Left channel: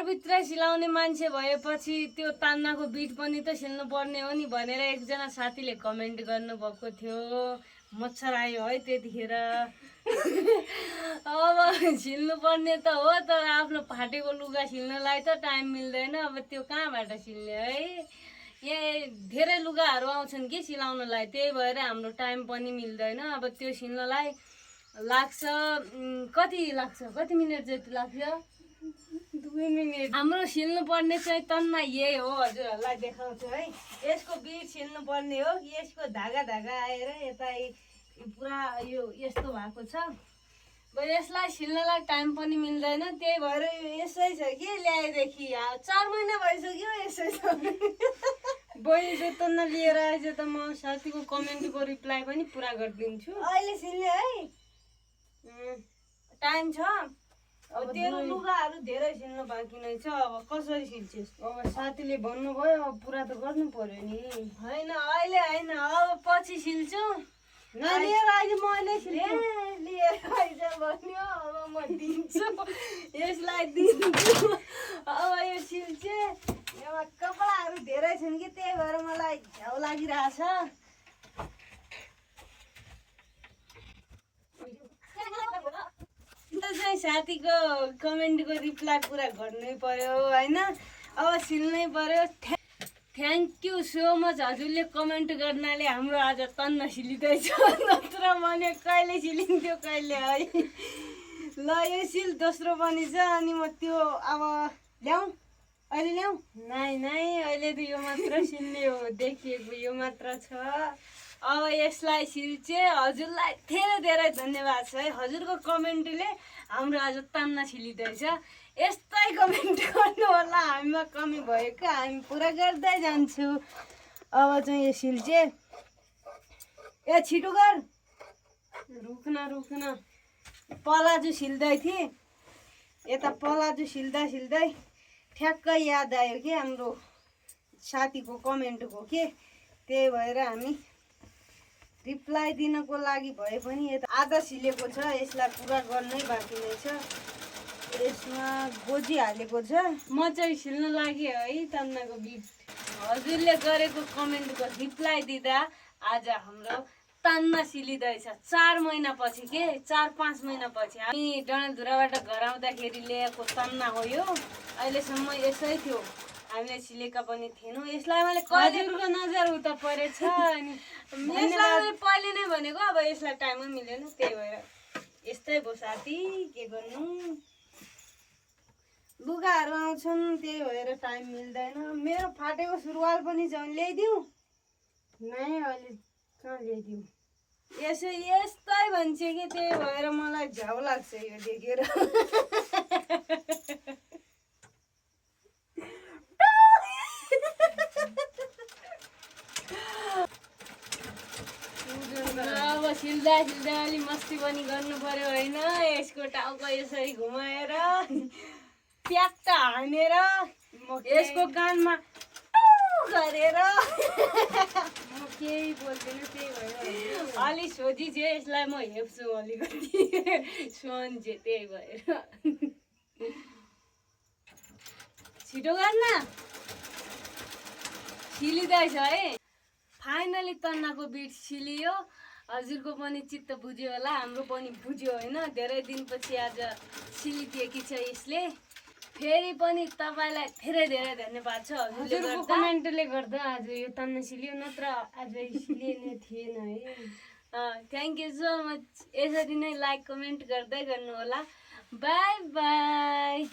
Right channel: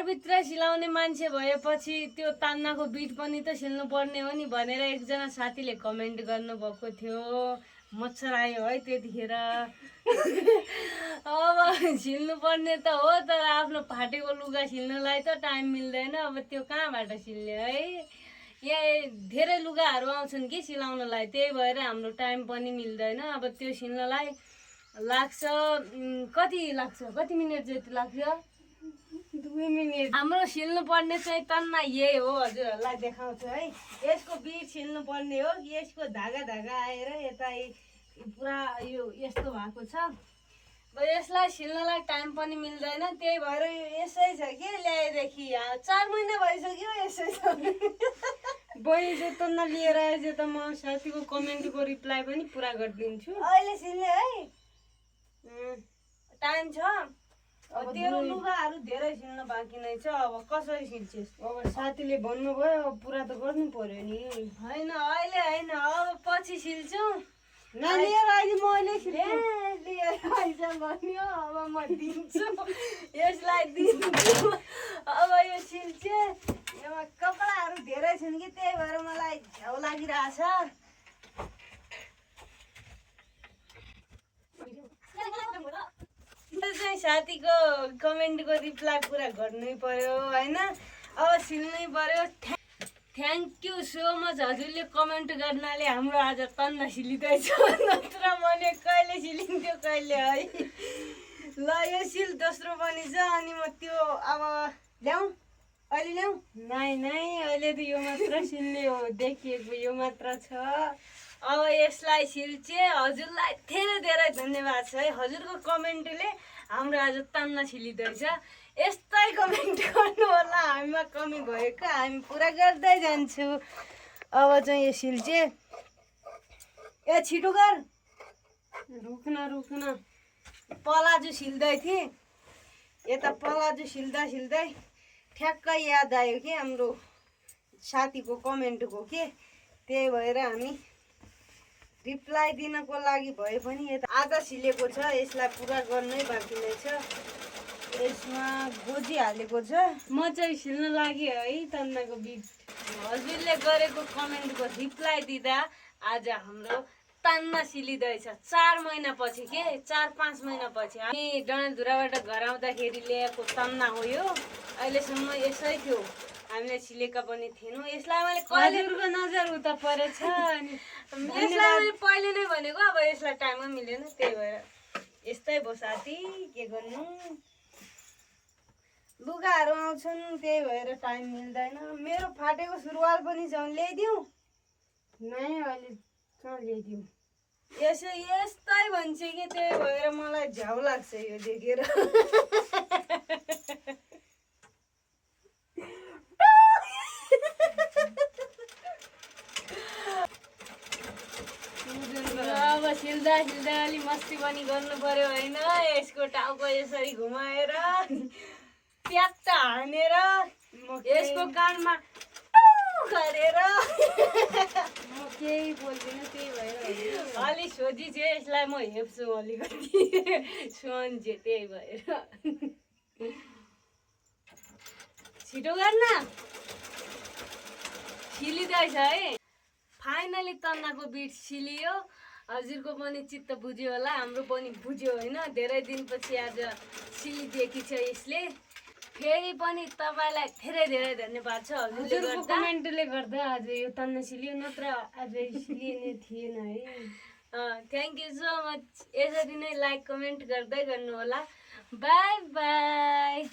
घरभित्र सिलाउने मान्छे भएपछि त्यो तान्नाको बिट पनि त सिल्नु पर्ने हो नि भनेर एकजना साथीले कमेन्ट गर्नुभएको थियो। मच्छर आयो है त्यतिखेर। अब सिल्नु पर्ने त हो तर आफ्नो फाटेको लुगा सिल्नलाई त टाइम मिल्दैन। अब त्यो कहाँबाट सिल्ने है। यहाँ धेरै लुगाहरू आउँछन् कि सिलाउनलाई, त्यही भएर हाम्रो टाइम पनि मिल्दैन। अब त्यो सिल्नलाई लाग्छ कति मिनट जति लाग्छ? 2 मिनट। हाम्रो सिल्नु पर्ने चाहिँ तन्ना यही हो, हजुरहरूलाई देखाउँछु है। यसको बिट सिल्नु पर्ने हो। यसको धागा आएर यता पुरा यो यस्तो भएको छ। अब यसलाई सिल्नलाई टाइम पनि मिल्दैन, त्यही भएर यसै छ कि ल्याएदेखि 4 महिना भइसक्यो यसै छ। बहिनी जो तन्ना लिएर आएछ त म साथीको कमेन्टको रिप्लाई पनि पुरा गरिदिन्छु। अहिले सिल्ने है, टाइम छ। अब तेरो लुगाहरू धेरै सिल्न बाँकी नै छ। अब कसरी सिल्छस्? अब साथीले भन्नुभयो अब पुरा त गर्नु पर्यो नि। होइन अहिले होइन, अब पछि सिल्छु। लिएर अहिले मैले लिएर आइज भन्यो। अब म दिन्छु, यसलाई दिन्छु। अब यो सिल्छे। यहाँ कपडाहरू धेरै छन् कि त्यही भएर मलाई झ्याउ लागिरहेछ। चाहिँ साथीको कमेन्टको रिप्लाई पुरा गर्नै पर्यो होइन। अब सिल्नै पर्यो। थ्याङ्क यू सो मच हजुरले कमेन्ट गर्नाले हाम्रो आज तन्ना सिलिँदैछ। नत्र भने कहिले सिलिन्थ्यो कहिले है। ल यो सिल दोस्रो पनि छ। अनि म त्यो अब ल्याउँ, अहिले ल्याउँ? नै अहिले त यो मात्र सिल्ने हो, देखिएको यो मात्र छ। अब यसलाई सिल्चे। हजुरलाई धेरै धन्यवाद छ है। हजुरको कमेन्टले हाम्रो आज तान्ना सिलिँदैछ। यस्तै कमेन्ट गर्नु होला। हामीमा कमी भएको हामी पुरा गर्दै जान्छु। अब चाहिँ यो सिल्चे। ए छिटो गर, रुक्न। पलाजु सिल्दै थिएँ, यता पलाजु सिल्दै ठ्याक्कै याद आयो कि हाम्रो साथीको कमेन्टको के, त्यही भएर हामी रिप्लाई दिनको लागि भए पनि यता आधा सिलेको छ। यसलाई पुरा गर्नै बाँकी नै छ। यसमा गोजी हालेको छ। म चाहिँ सिल्न लागि है तन्नाको बिट। हजुरले गरेको कमेन्टको रिप्लाई दिँदा आज हाम्रो तान्ना सिलिँदैछ। 4 महिनापछि के 4-5 महिनापछि हामी डडेलधुराबाट घर आउँदाखेरि ल्याएको तन्ना हो यो। अहिलेसम्म यसै थियो, हामीले सिलेका पनि थिएनौँ। यसलाई मैले हजुरको नजर उता परेछ। अनि यसलाई मैले पहिले नै भनेको, अब यसलाई टाइमै मिलेन, त्यही भएर यस्तै भयो साथी, के गर्नु। लुगाहरू आउँछन् त्यही भएर टाइम मिल्दैन। मेरो फाटेको सुरुवाल पनि छ, ल्याइदिउँ? नै अहिले कहाँ ल्याइदिउँ। यस्तै भन्छ कि त्यही भएर मलाई झ्याउ लाग्छ यो देखेर। अब सिल्दा अलि मस्ती पनि गर्नु पर्यो होइन। यसको टाउको यसरी घुमाएर प्याक्ट हानेर यसको कानमा गरेर म केही बोल्दिनँ, त्यही भएर अलि सोझी चाहिँ यसलाई म हेप्छु अलिकति सोझे, त्यही भएर छिटो गर्न। सिलिँदैछ है। फाइनली तन्नाको बिट सिलियो। हजुरको पनि चित्त बुझ्यो होला, हाम्रो पनि बुझ्यो होइन। धेरै दिनपछि आज सिलिदिएकी छ यसले। फेरि पनि तपाईँलाई धेरै धन्यवाद छ हजुरको कमेन्टले गर्दा आज यो तन्ना सिलियो, नत्र आज सिलिने थिएन है। Thank you so much. यसरी नै लाइक कमेन्ट गर्दै गर्नु होला। By by.